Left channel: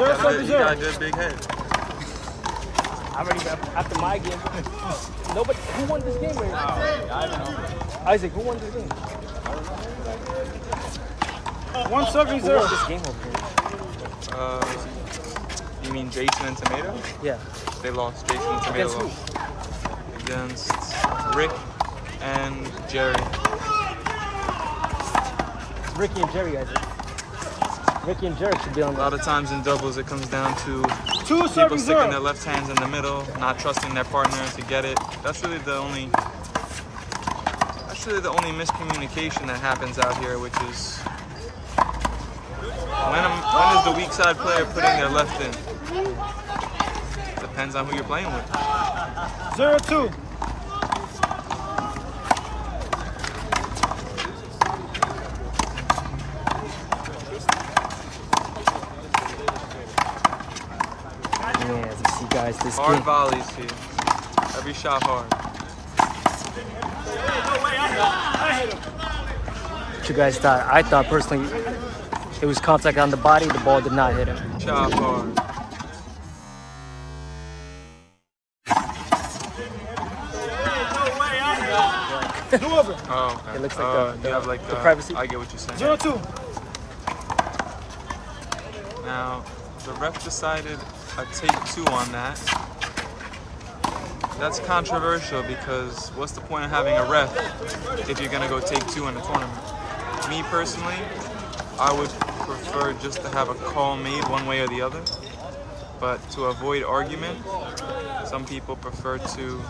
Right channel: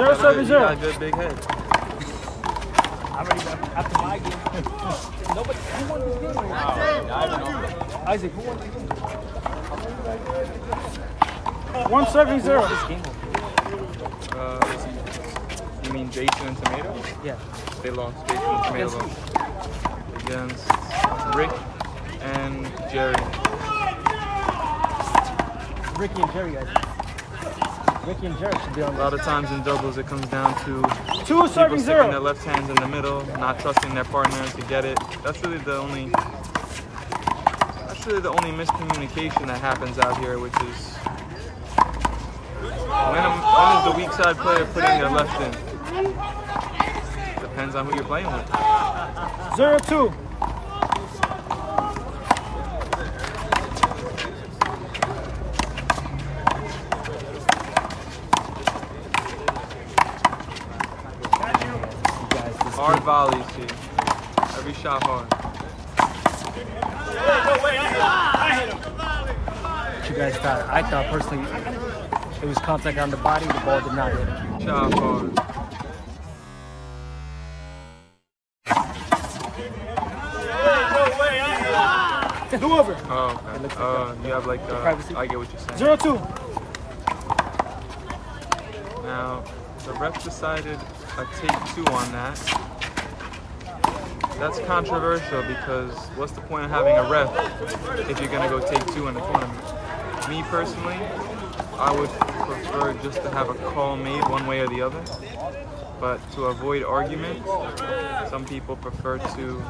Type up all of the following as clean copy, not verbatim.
You got a good big head. I'm ready after my game. Nobody, who won this game? Isaac, who won this game? 170. This game You mean Jason and Tomato? yeah. They lost. Jason and Tomato lost. Against Rick and Jerry. Ricky and Jerry, guys. Ricky and Jerry should be on A lot of times in doubles, it comes down to 270. people sticking their left hands in the middle, not trusting their partner to get it. That's really the only miscommunication that happens out here, which is when is the weak side player putting their left in? Depends on who you're playing with. 0-2. Hard volleys here. Every shot hard. No way, I hit him. What you guys thought? I thought personally it was contact on the body, the ball did not hit him. Shot hard. No way, I hit him. Do over. Oh, okay. It looks like You have like privacy. I get what you're saying. 0-2. Now, the ref decided a take 2 on that. That's controversial because what's the point of having a ref if you're gonna go take 2 in a tournament? Me personally, I would prefer just to have a call made one way or the other. But to avoid argument, some people prefer to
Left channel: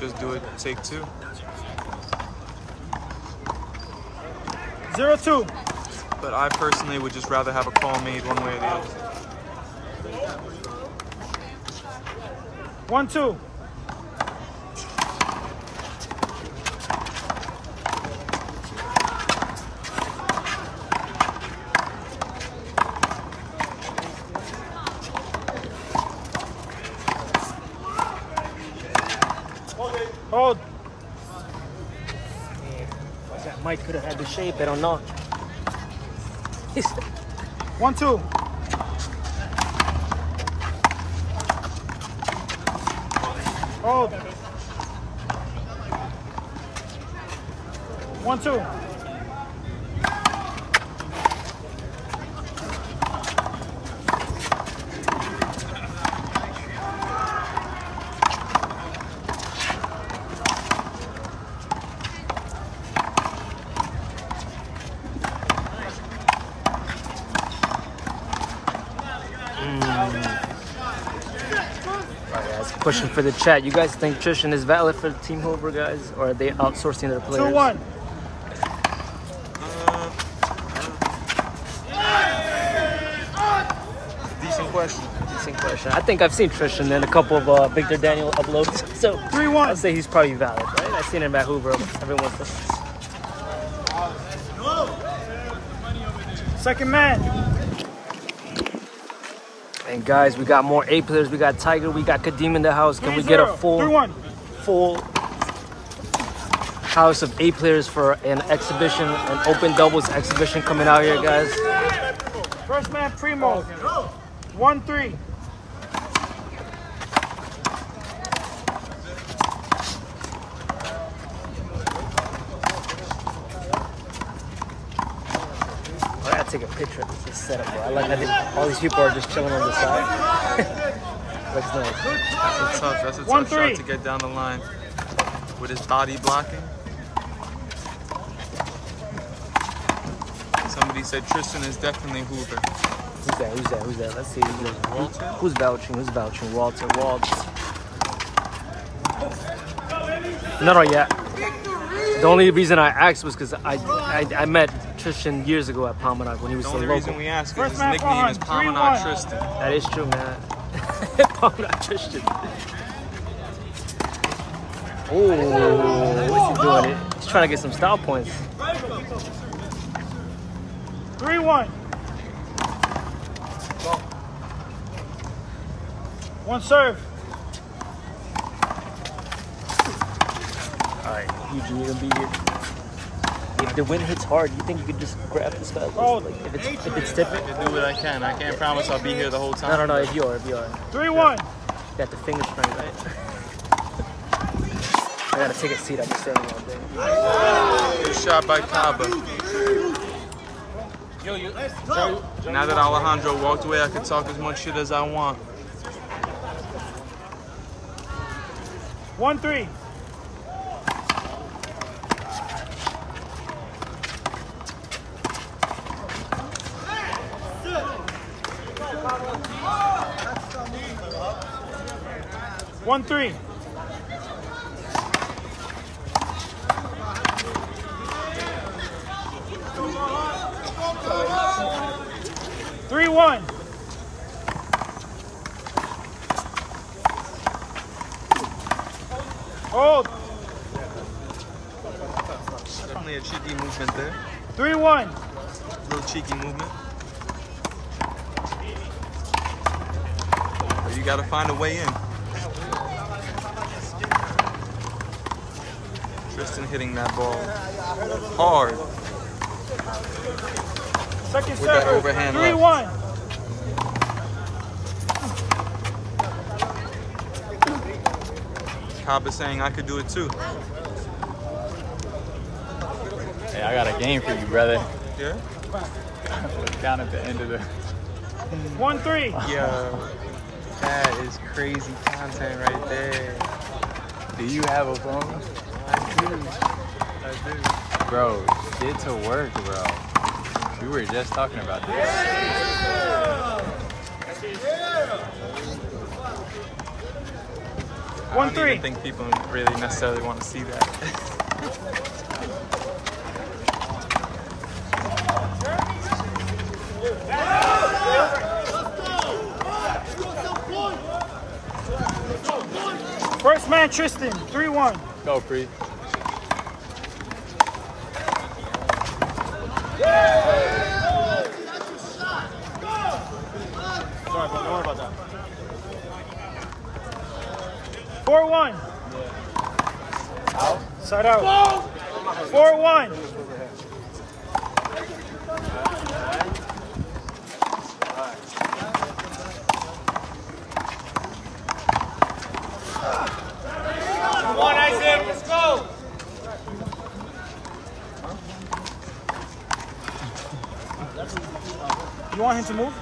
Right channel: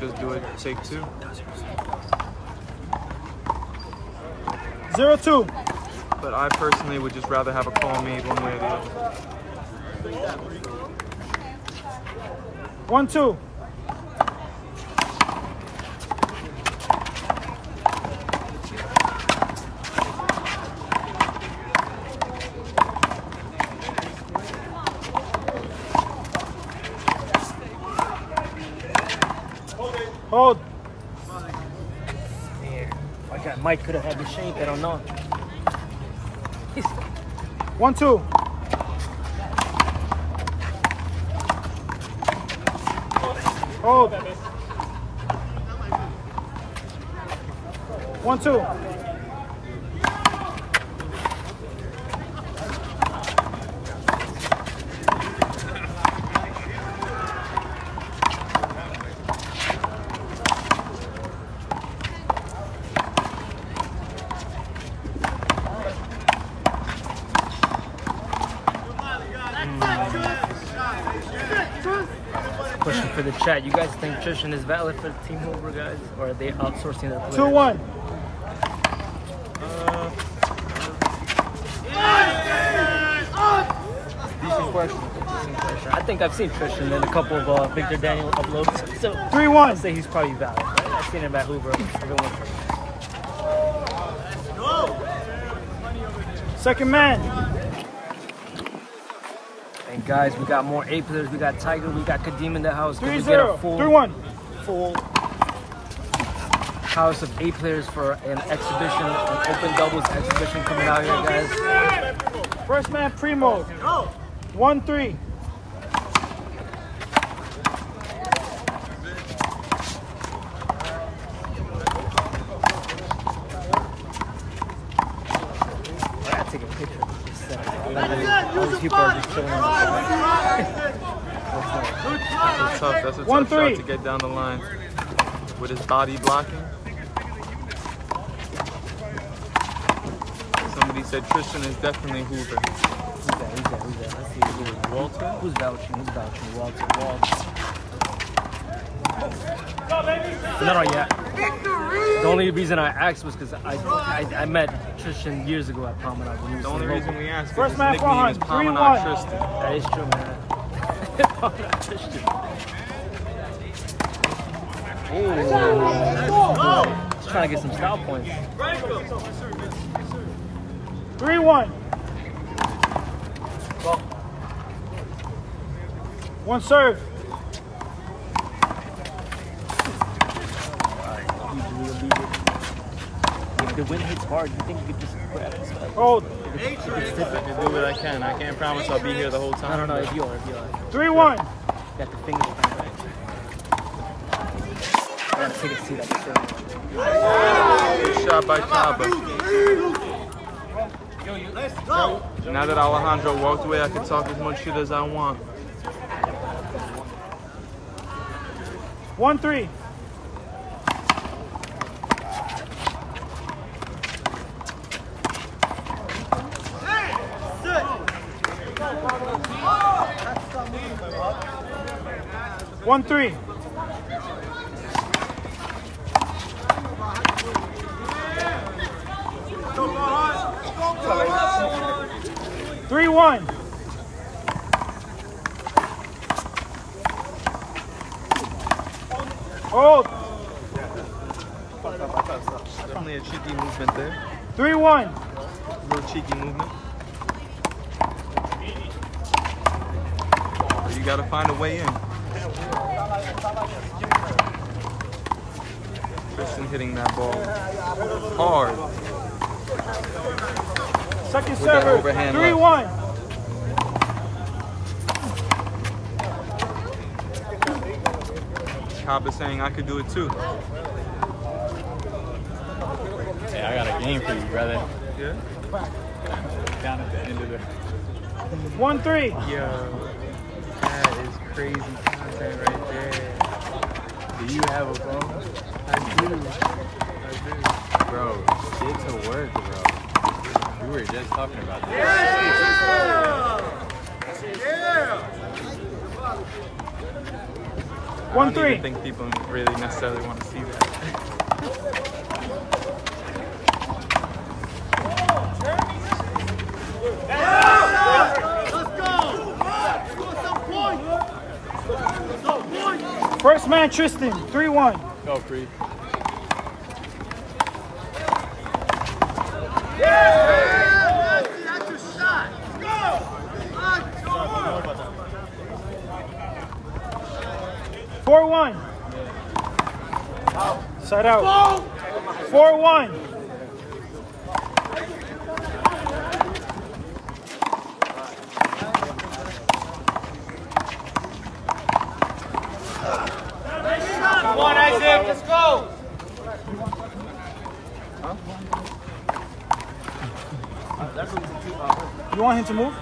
just do it take 2. 0-2. But I personally would just rather have a call made one way or the other. 1-2. Hold. Yeah. Mike could have had the shape, I don't know. 1-2. Hold. 1-2. Pushing for the chat. You guys think Tristan is valid for Team Hoover, guys? Or are they outsourcing their players? 2-1. Decent question. Decent question. I think I've seen Tristan in a couple of Victor Daniel uploads. So 3-1. I'd say he's probably valid, right? I've seen him at Hoover. Everyone. Second man. And guys, we got more A players. We got Tiger. We got Kadeem in the house. Can we get a 3-1. full house of A players for an exhibition, an open doubles exhibition coming out here, guys? First man, Primo. 1-3. I gotta take a picture of this setup. I like how all these people are just chilling on the side. Looks nice. That's a tough shot to get down the line with his body blocking. Somebody said Tristan is definitely Hoover. Who's that? Let's see. Walter? Who's vouching? Walter. No, yeah. The only reason I asked was because I met Tristan years ago at Palmanag when he was The only reason we ask is his nickname is Palmanag Tristan. That is true, man. Palmanag Tristan. Oh, what's he doing? He's trying to get some style points. 3-1. Well, One serve. alright, you will beat it. If the wind hits hard, you think you could just grab it? Hold. If it's I different. can do what I can. I can't promise I'll be here the whole I time. don't know but if you are. 3-1. You got the finger spring, right? I gotta take a seat up the stand. Good shot by Kaba. Now that Alejandro walked away, I can talk as much shit as I want. 1-3. One, 3. 3-1. Hold. Definitely a cheeky movement there. 3-1. A little cheeky movement. But you gotta find a way in. Tristan hitting that ball hard Second with that server. overhand left. 3-1. Kaba saying I could do it too. Hey, I got a game for you, brother. Yeah? Down at the end of the... 1-3. Yo, that is crazy content right there. Do you have a phone? I do. Bro, get to work, bro. We were just talking about this. I don't 1-3. even think people really necessarily want to see that. First man, Tristan. 3-1. Go, Free. Side out. 4-1. Let's go. You want him to move?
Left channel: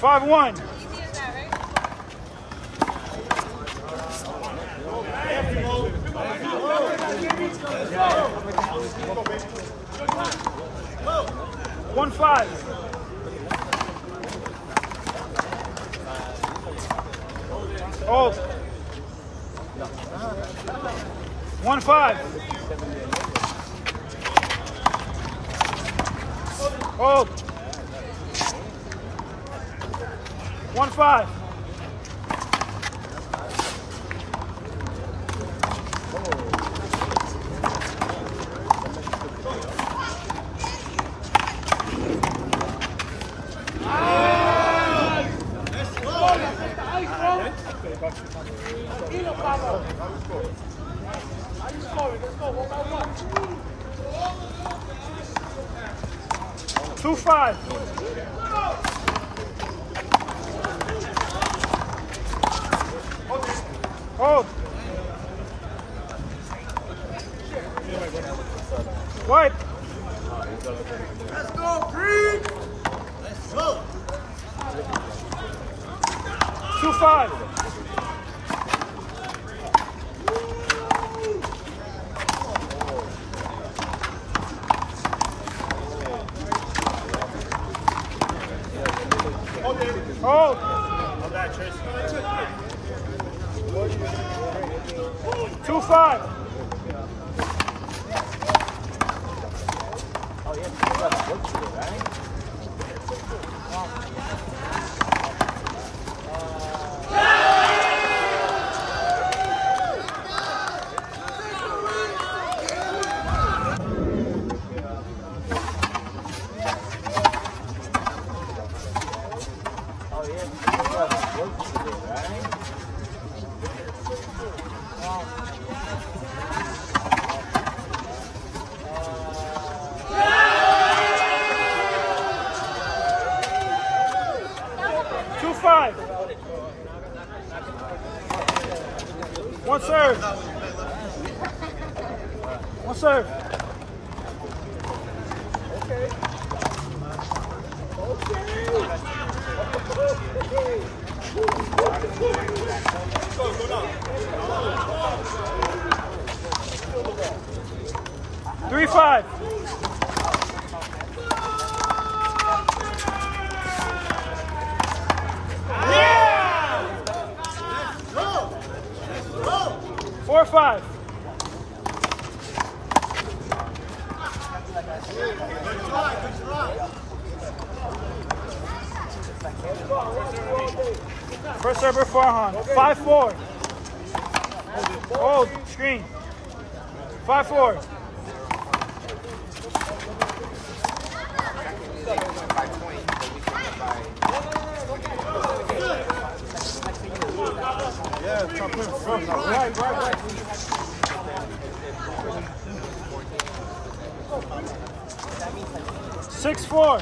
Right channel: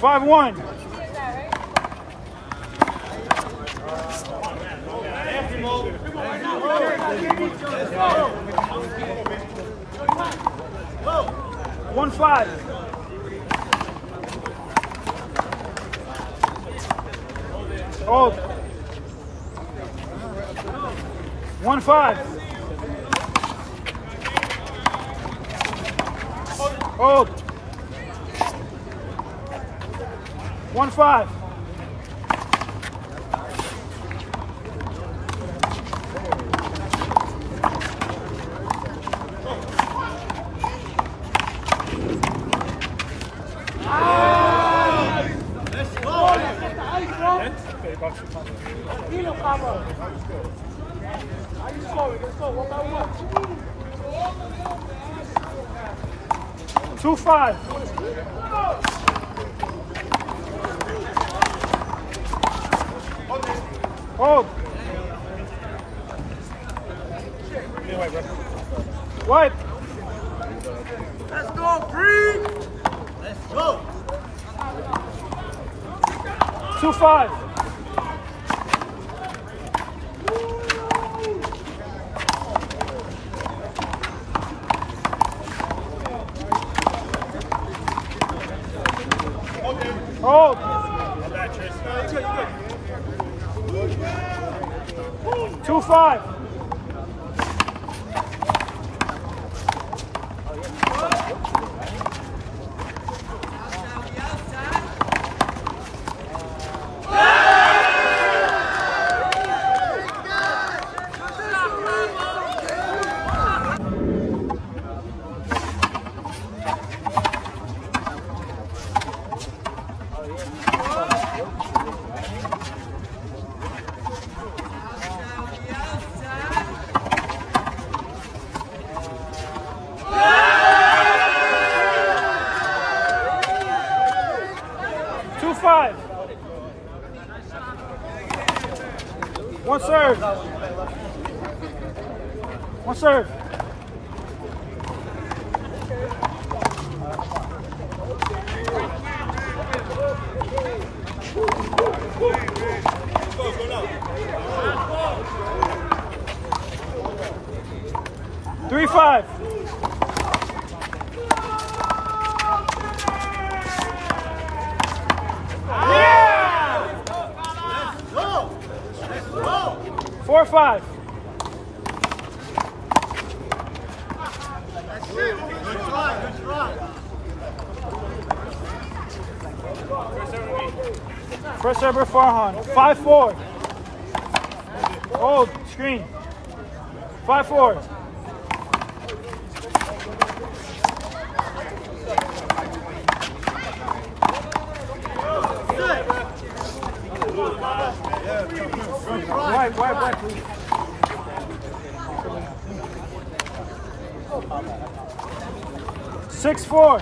5-1. Hold. 1-5. Hold. 1-5. Two 5. Hold. Wipe. Let's go, Primo. Let's go. 2-5. Hold. Hold that, Tristan. 2-5. Yeah! 4-5. First server Farhan. 5-4. Oh, screen. 5-4. Six, 4.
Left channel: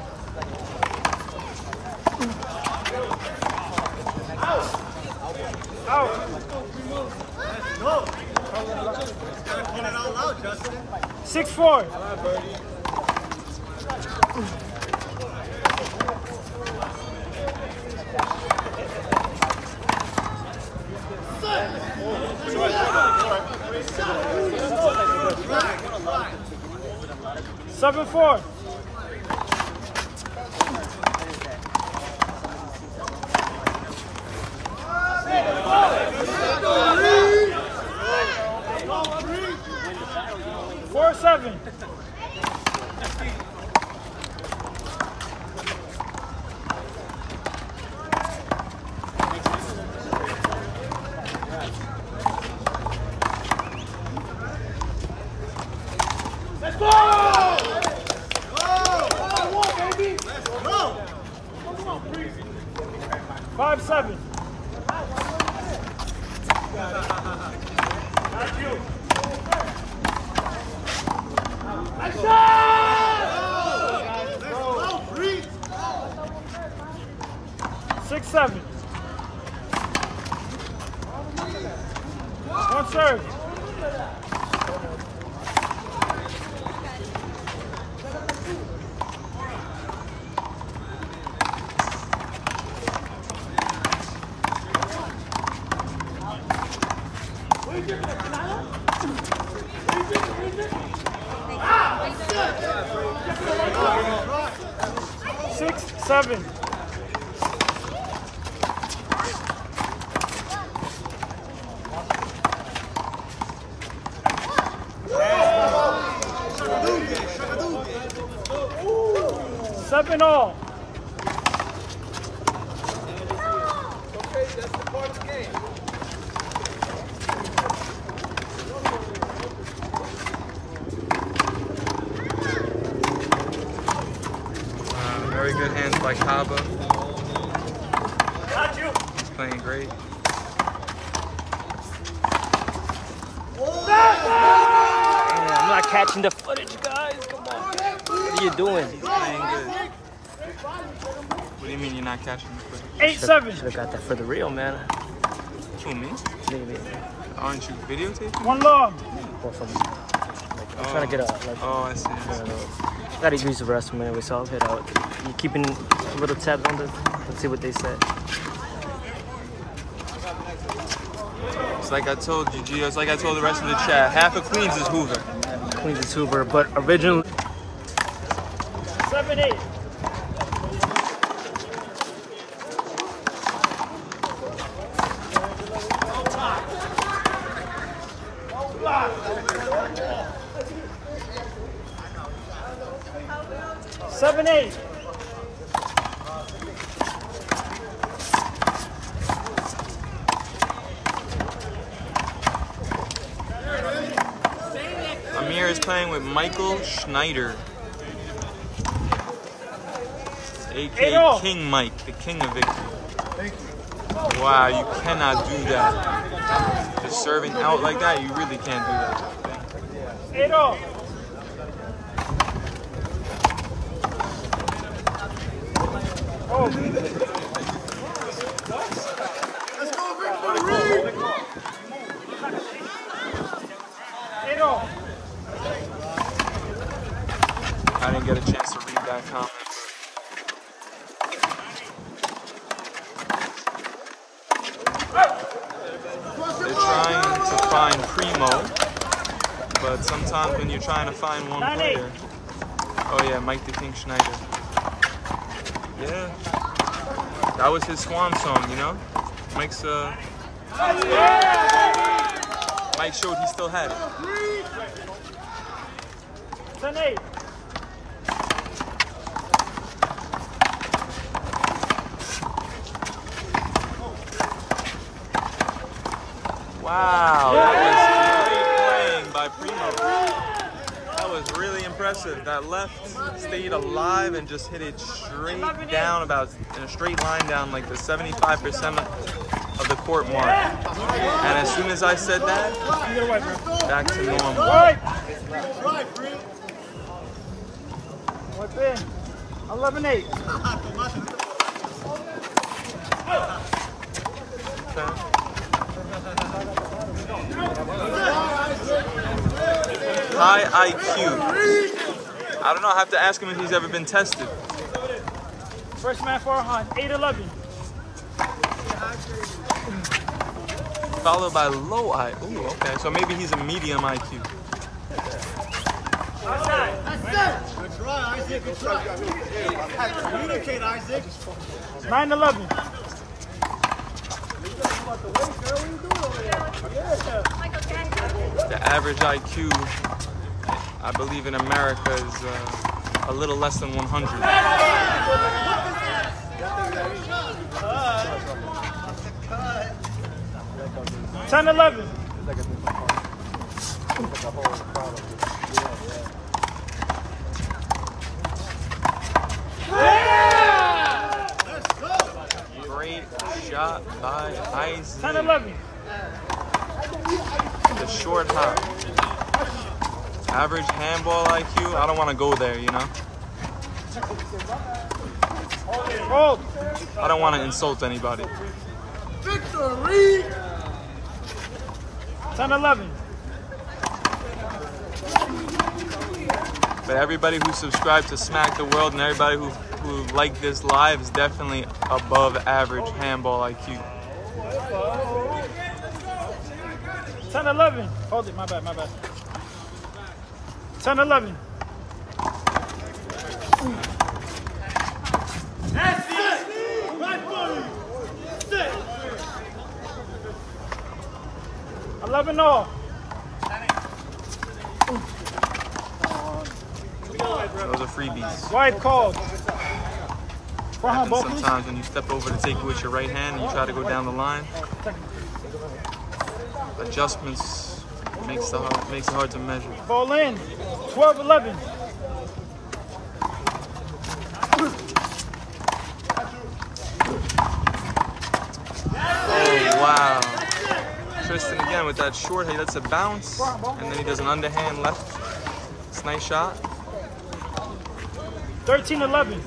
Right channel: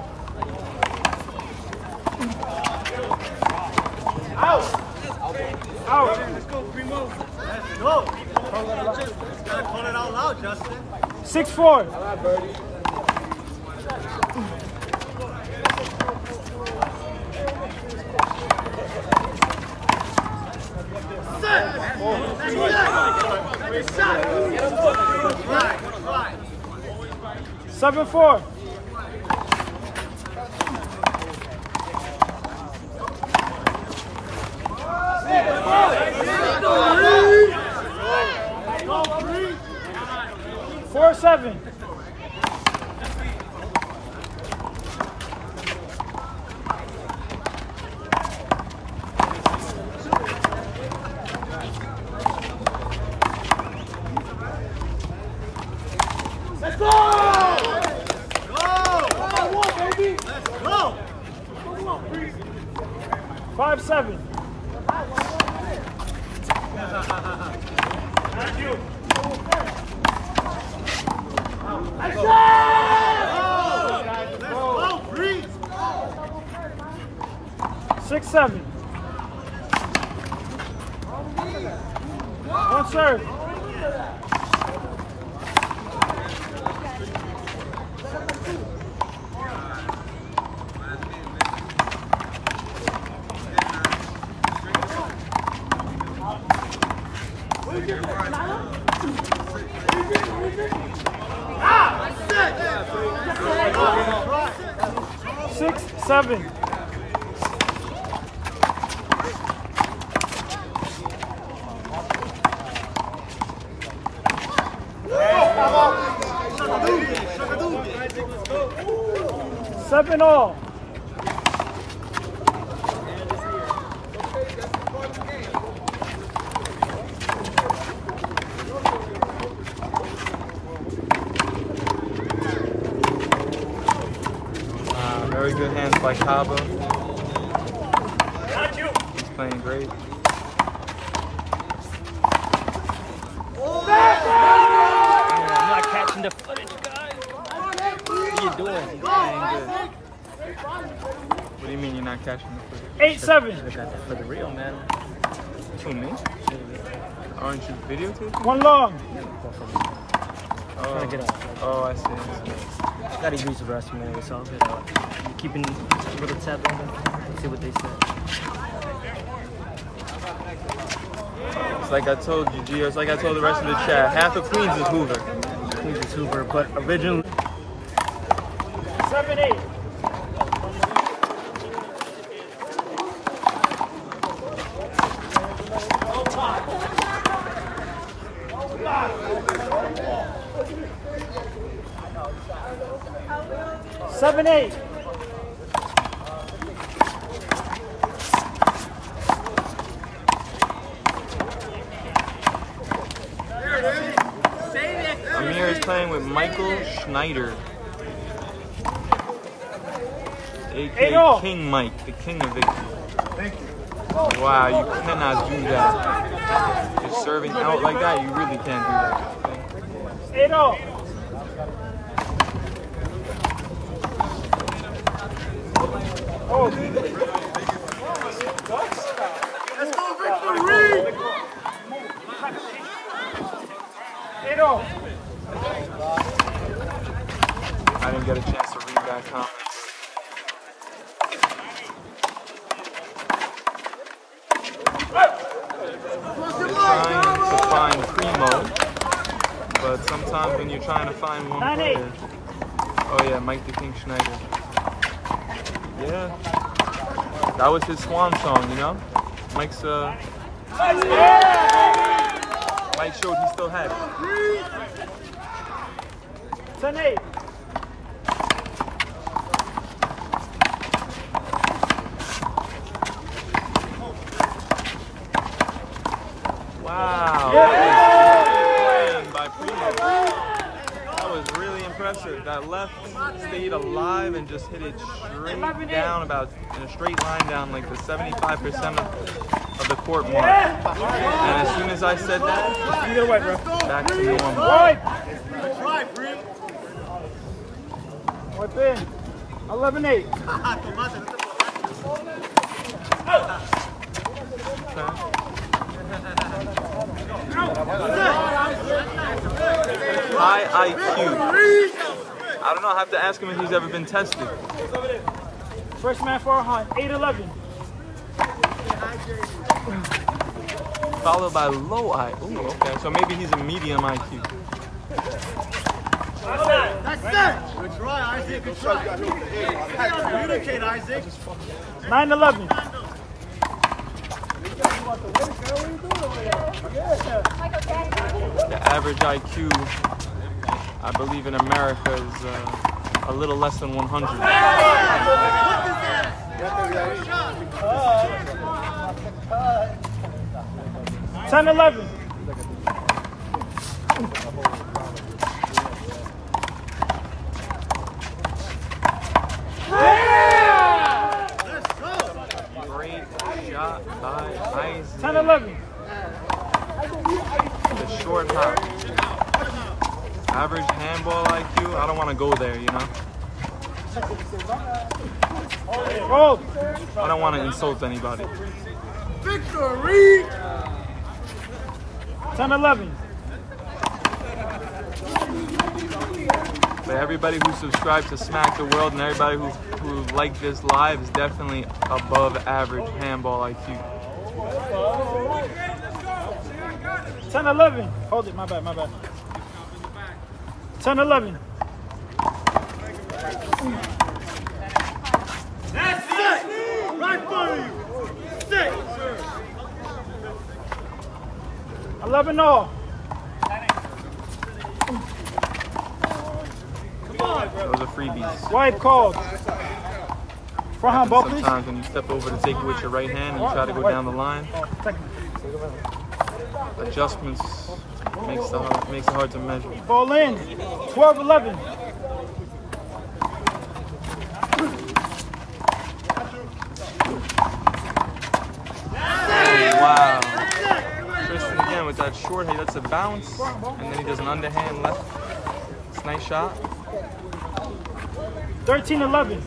Out. 6-4. Seven, 4. Seven. Let's go! 5-7. Thank you. 6-7. Good serve. Six, 7. Seven all. Very good hands by Kaba. He's playing great. I'm not catching the footage, guys. What are you doing? He's playing good. What do you mean you're not catching the footage? 8-7. Should have got that for the real, man. Who, me? Maybe. Aren't you videotaping? One long. Trying to get out. Oh, I see. Gotta use the rest minute, so I'll hit out. You keeping a little tab on this? Let's see what they said. It's like I told you, Gio. It's like I told the rest of the chat. Half of Queens is Hoover. Queens is Hoover, but originally 7-8. Seven, 8. Amir is playing with Michael Schneider, aka King Mike, the king of victory. Wow, you cannot do that. Just serving out like that, you really can't do that. 8-0. I didn't get a chance to read that comment. They're trying to find Primo, but sometimes when you're trying to find one player, oh yeah, Mike the King Schneider. Yeah, that was his swan song, you know? Mike's Mike showed he still had it. 10-8. Wow, that was great playing by Primo. That was really impressive. That left stayed alive and just hit it straight down, about in a straight line down like the 75% of the court mark. And as soon as I said that, back to normal. 11-8. Okay. High IQ. I don't know, I have to ask him if he's ever been tested. First man Farhan, 8-11. Followed by low I. Ooh, okay. So maybe he's a medium IQ. That's right, Isaac. Communicate, Isaac. 9-11. The average IQ, I believe in America, is a little less than 100. 10-11. Great shot by Isaac. 10-11. The short hop. Average handball IQ, I don't want to go there, you know? I don't want to insult anybody. Victory! 10-11. But everybody who subscribed to Smack the World and everybody who liked this live is definitely above average handball IQ. 10-11. Hold it, my bad. 10-11. That's it! Right body! Sit! 11-0. Those are freebies. White called. Happens sometimes when you step over to take it with your right hand and you try to go down the line. Adjustments makes it hard to measure. Ball in. 12-11. Oh, wow. Tristan again with that short, he lets it bounce, and then he does an underhand left. It's a nice shot. 13-11.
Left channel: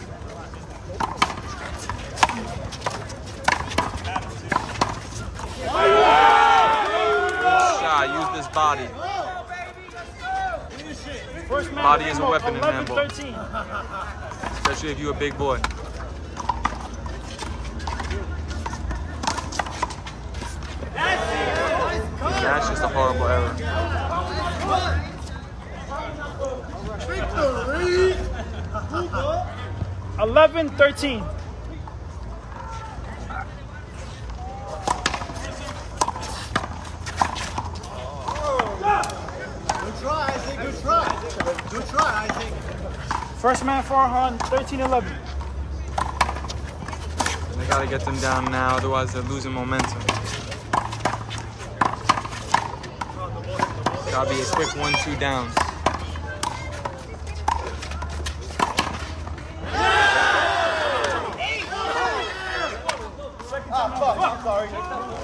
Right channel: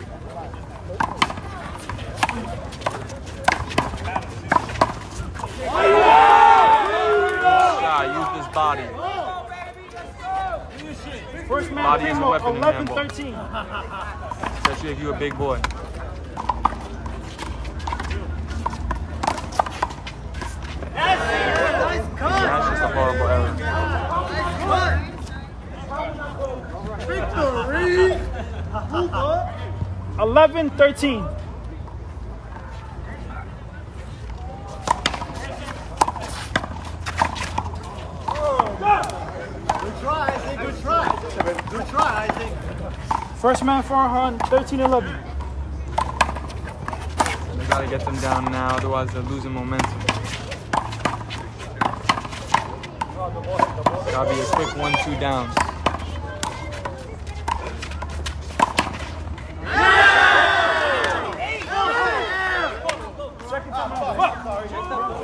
Good shot, use this body. Body is a weapon in handball. Especially if you're a big boy. That's just a horrible error. 11-13. Good try, I think. First man Farhan, 13-11. They got to get them down now, otherwise they're losing momentum. It's got to be a quick 1-2 down.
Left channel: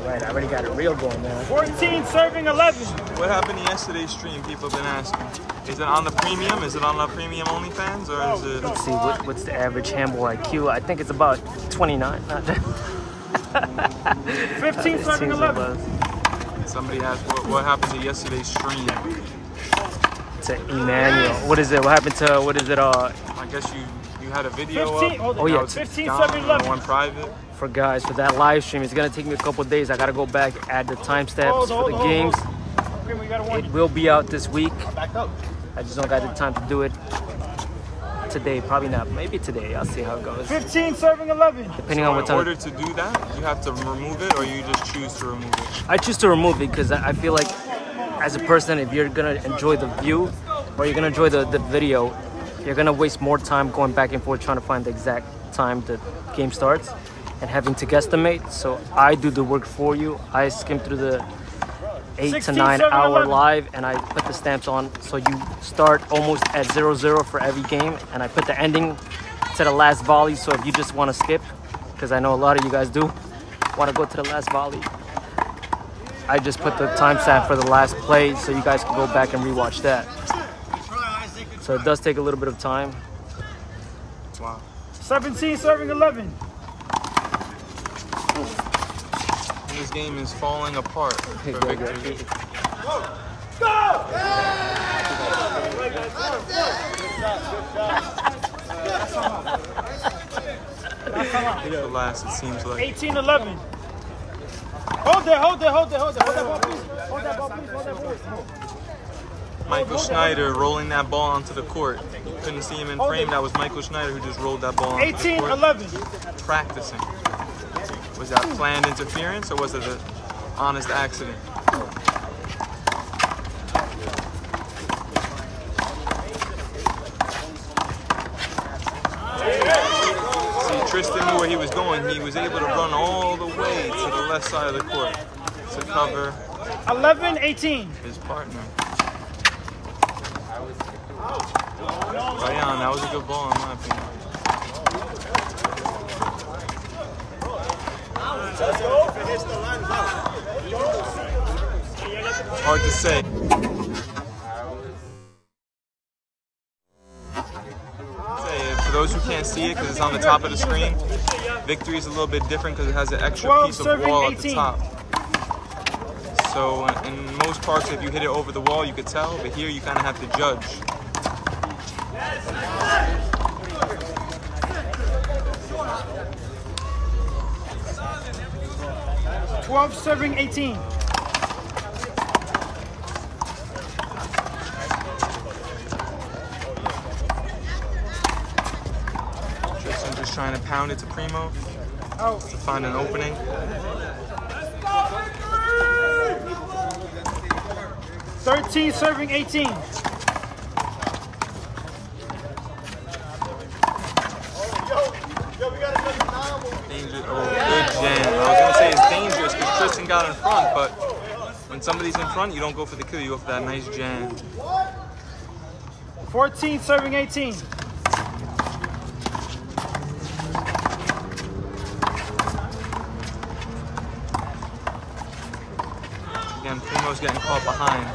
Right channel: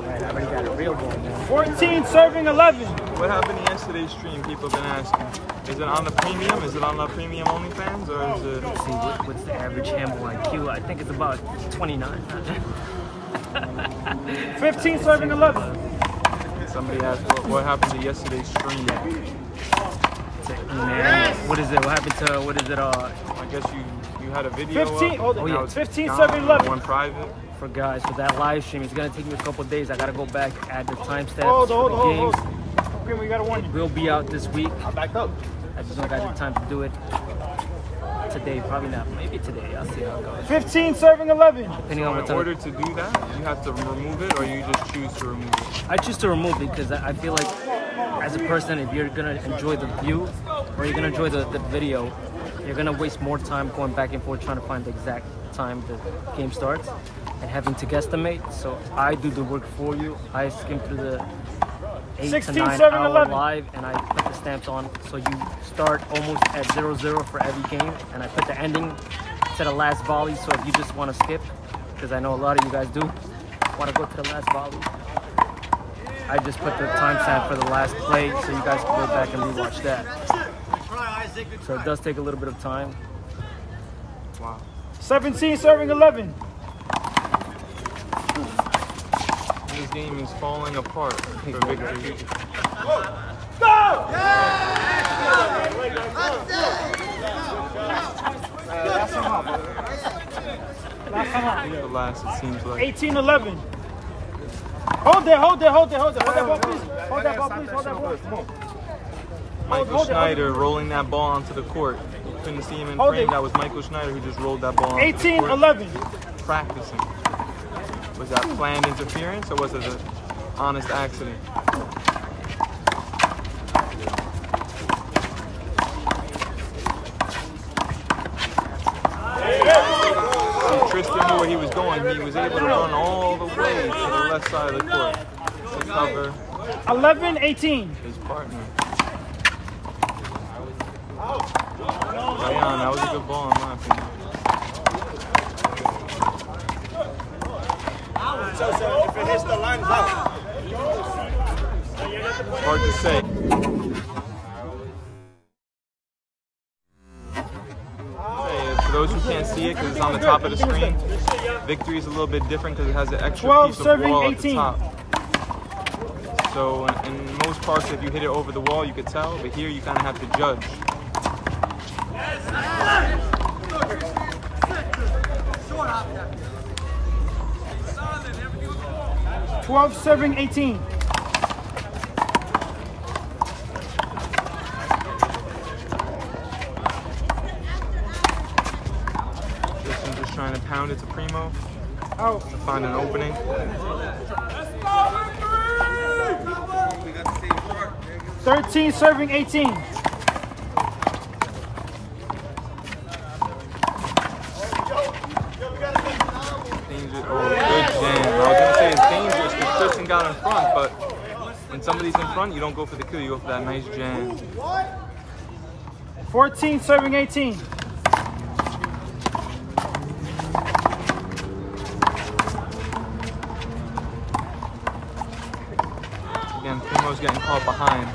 I already got a real boy now. 14 serving 11. What happened to yesterday's stream? People have been asking. Is it on the premium? Is it on the premium OnlyFans, or is it? Let's see, what's the average handball IQ? I think it's about 29. 15 serving 11. Somebody asked what happened to yesterday's stream. To Emmanuel. What is it? What happened to, what is it? I guess you had a video 15, up. Oh, yeah. 15 gone, serving or 11. one private. For guys, for that live stream, it's gonna take me a couple days. I gotta go back, add the timestamps for the games. It will be out this week. I just don't got the time to do it today. Probably not. Maybe today. I'll see how it goes. 15 serving 11. Depending So on in what time. order to do that, you have to remove it, or you just choose to remove it? I choose to remove it because I feel like as a person, if you're gonna enjoy the view or you're gonna enjoy the video, you're gonna waste more time going back and forth trying to find the exact time the game starts and having to guesstimate. So I do the work for you. I skim through the 8 to 9 hour live, and I put the stamps on. So you start almost at 0-0 for every game, and I put the ending to the last volley. So if you just want to skip, because I know a lot of you guys do want to go to the last volley, I just put the timestamp for the last play so you guys can go back and rewatch that. So it does take a little bit of time. Wow. 17 serving 11. This game is falling apart for victory. Go! The last, it seems like. 18-11. Hold there, hold there, hold there, hold there. Hold that ball, please. Hold that ball. Michael Schneider rolling that ball onto the court. You couldn't see him in frame. That was Michael Schneider who just rolled that ball onto the court. 18-11. Practicing. Was that planned interference or was it an honest accident? See, Tristan knew where he was going. He was able to run all the way to the left side of the court to cover 11-18. his partner. Farhan, that was a good ball in my opinion. If it hits the line, it's out. Hard to say. For those who can't see it because it's on the top of the screen, victory is a little bit different because it has an extra piece of wall at the top. So in most parts, if you hit it over the wall, you could tell, but here you kind of have to judge. 12-18. Tristan just trying to pound it to Primo to find an opening. 13-18. Oh, good jam. I was going to say it's dangerous because Tristan got in front, but when somebody's in front, you don't go for the kill, you go for that nice jam. 14-18. Again, Primo's getting caught behind.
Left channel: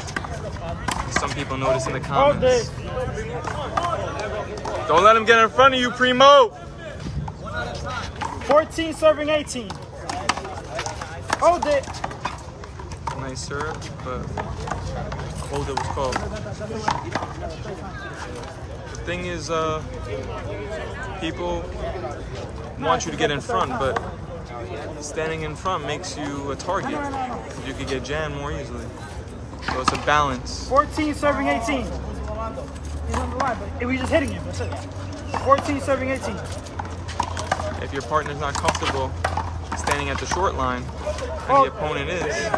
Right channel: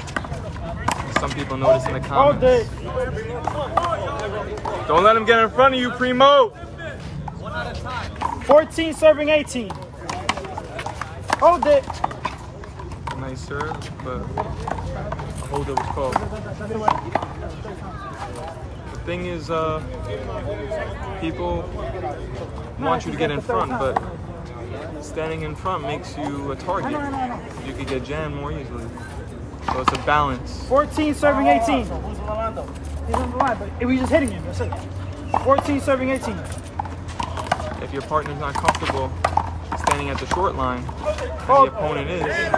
Some people notice in the comments. Don't let him get in front of you, Primo! 14-18. Hold it. Nice serve, but a hold it was called. The thing is, people want you to get in front, but standing in front makes you a target. You could get jammed more easily. So it's a balance. 14-18. We're just hitting him. 14-18. If your partner's not comfortable standing at the short line, and the opponent is, it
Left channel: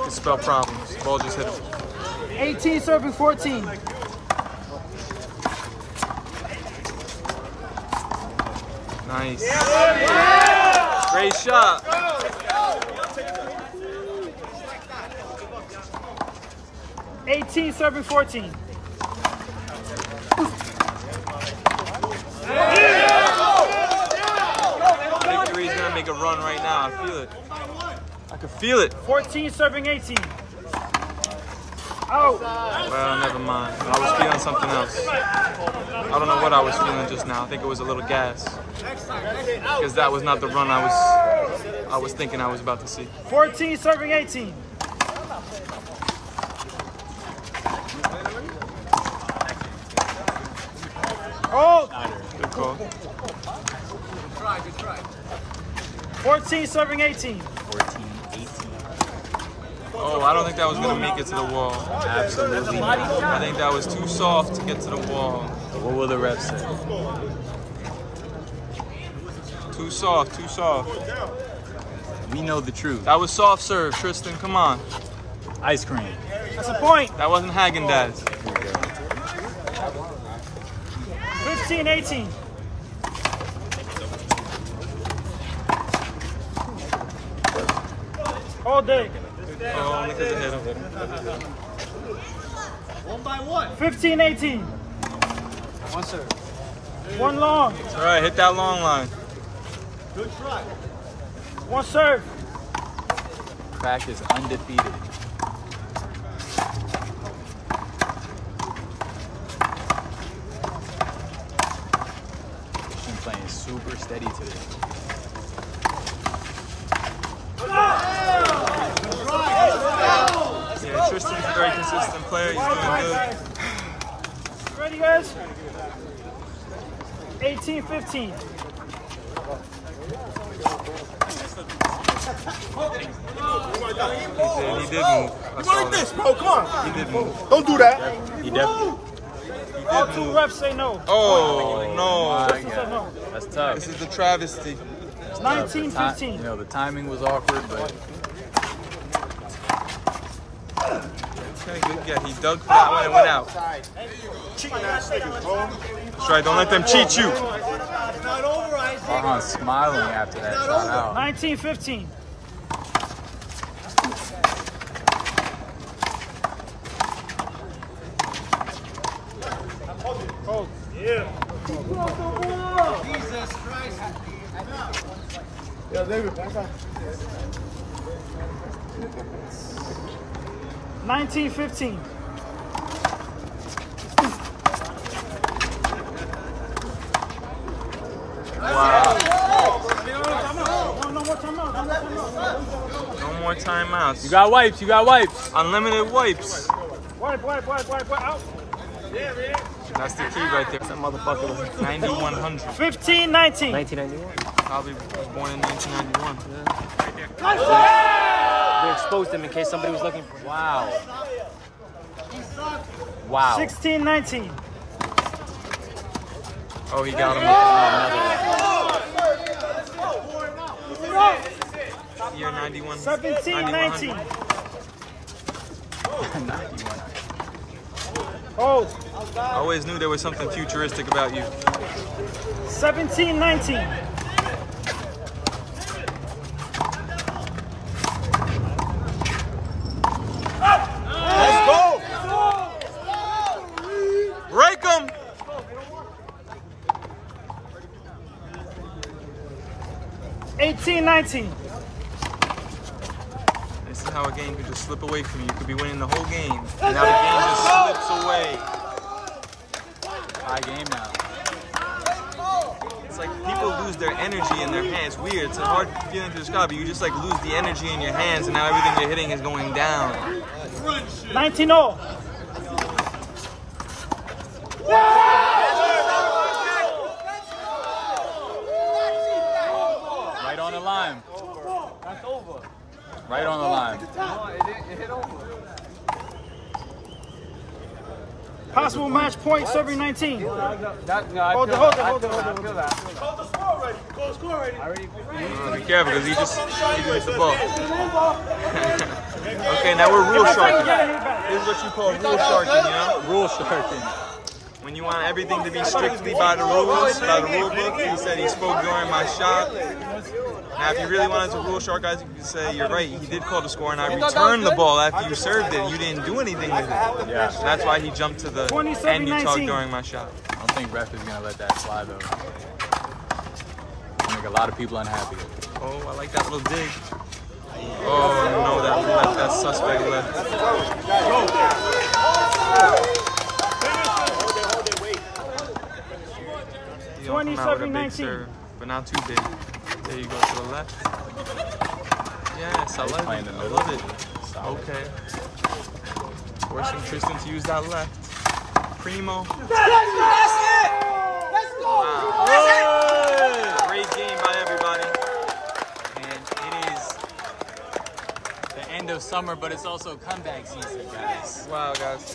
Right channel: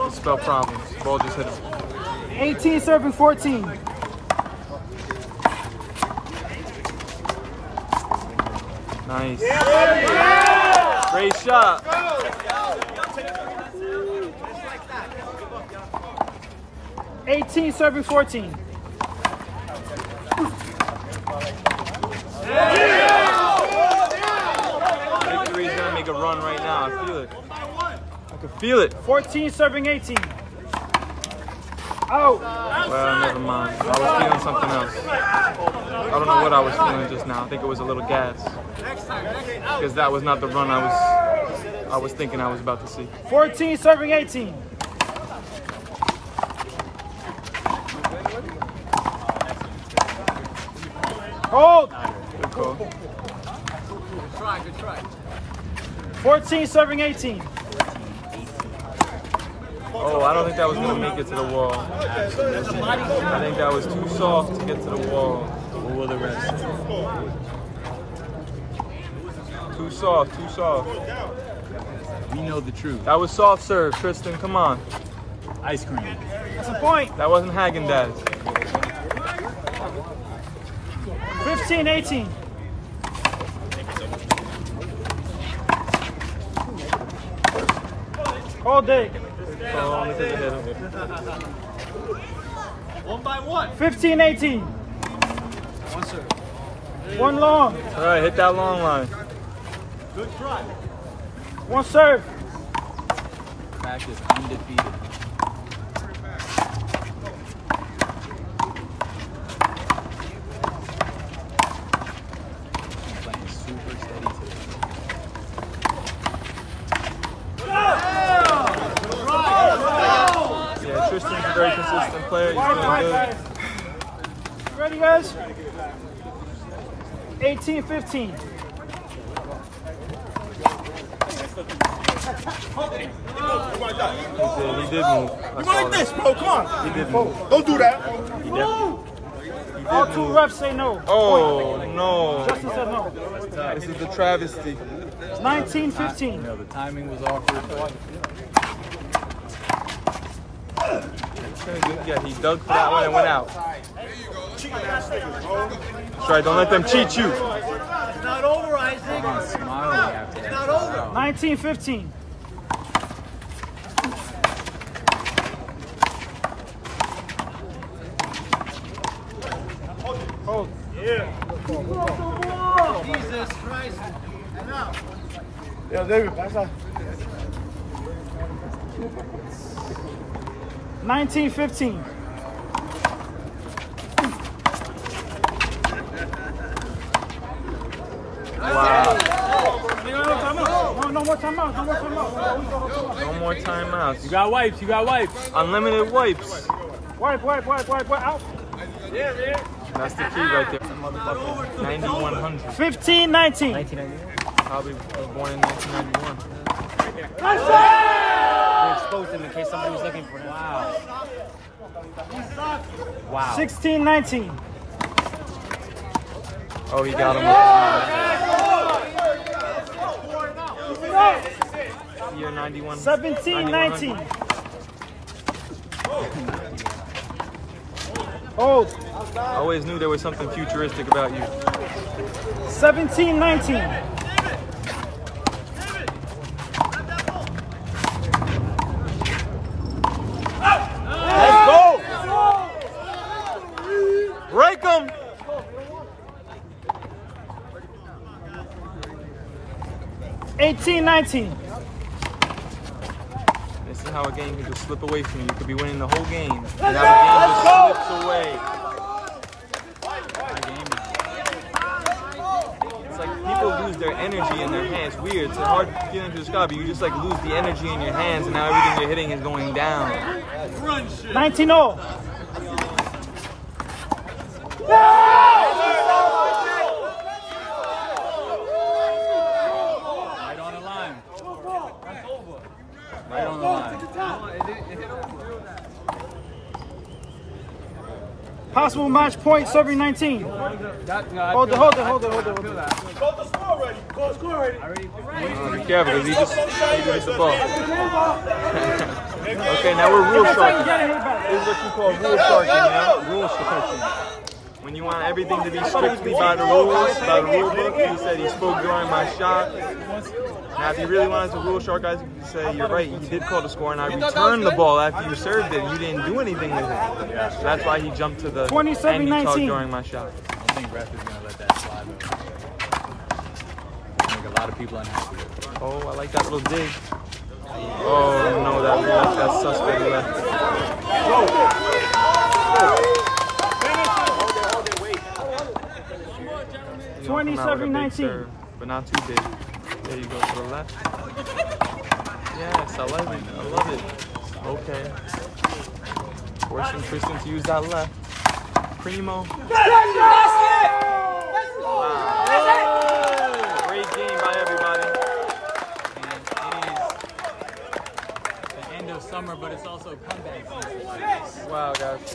could spell problems. Ball just hit him. 18-14. Nice. Great shot. $18, 14. Victory is gonna make a run right now. I feel it. I can feel it. 14, 18. Out. Well, never mind. I was feeling something else. I don't know what I was feeling just now. I think it was a little gas. Because that was not the run I was thinking I was about to see. 14, 18. Hold. Good call. 14, 18. Oh, I don't think that was going to make it to the wall. I think that was too soft to get to the wall. What will the refs say? Too soft, too soft. We know the truth. That was soft serve, Tristan. Come on. Ice cream. That's a point. That wasn't Haagen-Dazs. 15-18. All day. Oh, only because I hit him. 15-18. One serve. One long. It's all right, hit that long line. One serve. Back is undefeated. She's playing super steady today. Yeah, Tristan's a very consistent player. He's doing good. Ready, guys? 18-15. He did move. I You saw like this, that. bro? Come on. He did move. Don't do that. He did Two move. refs say no. Oh, no. He said no. That's tough. This is the travesty. It's 19-15. You know, the timing was awkward, but Okay, good. Yeah, he dug for that one and went out. That's right. Don't let them cheat you. Farhan smiling after that. Wow. 19-15. Yeah, David, pass that. 19-15. Wow. No No more more timeout. timeouts. You got wipes. You got wipes. Unlimited wipes. Wipe. Out. That's the key right there. 9100. 15-19. 1991. Probably was born in 1991. We exposed him in case somebody was looking for him. Wow. Wow. 16-19. Oh, he got him with year 91. 17-19. Hold. I always knew there was something futuristic about you. 17-19. Let's go. Break him! 18-19. This is how a game can just slip away from you. You could be winning the whole game, and now the game just slips away. High game now. It's like people lose their energy in their hands. It's weird. It's a hard feeling to describe, but you just like lose the energy in your hands, and now everything you're hitting is going down. 19-0. Right on the line. Right on the line. Possible match point, serving 19. Hold it. Call the score already. Call the score already. Be careful, because he just hit the ball. Okay, now we're rule sharking. This is what you call rule sharking, you know? Rule sharking. When you want everything to be strictly by the rules, by the rule book. He said he spoke during my shot. Now, if you really wanted to rule shark, guys, you could say, you're right, he did call the score, and I returned the ball after you served it, and you didn't do anything with it. So that's why he jumped to the end you talked during my shot. I don't think ref is going to let that slide, though. Make a lot of people unhappy. Oh, I like that little dig. Oh, no, that suspect left. He's going to come out with a big serve, but not too big. There you go, to the left. Yes, I love it. I love it. Okay. Forcing Tristan to use that left. Primo. Wow. Great game by everybody. And it is the end of summer, but it's also comeback season. Wow, guys.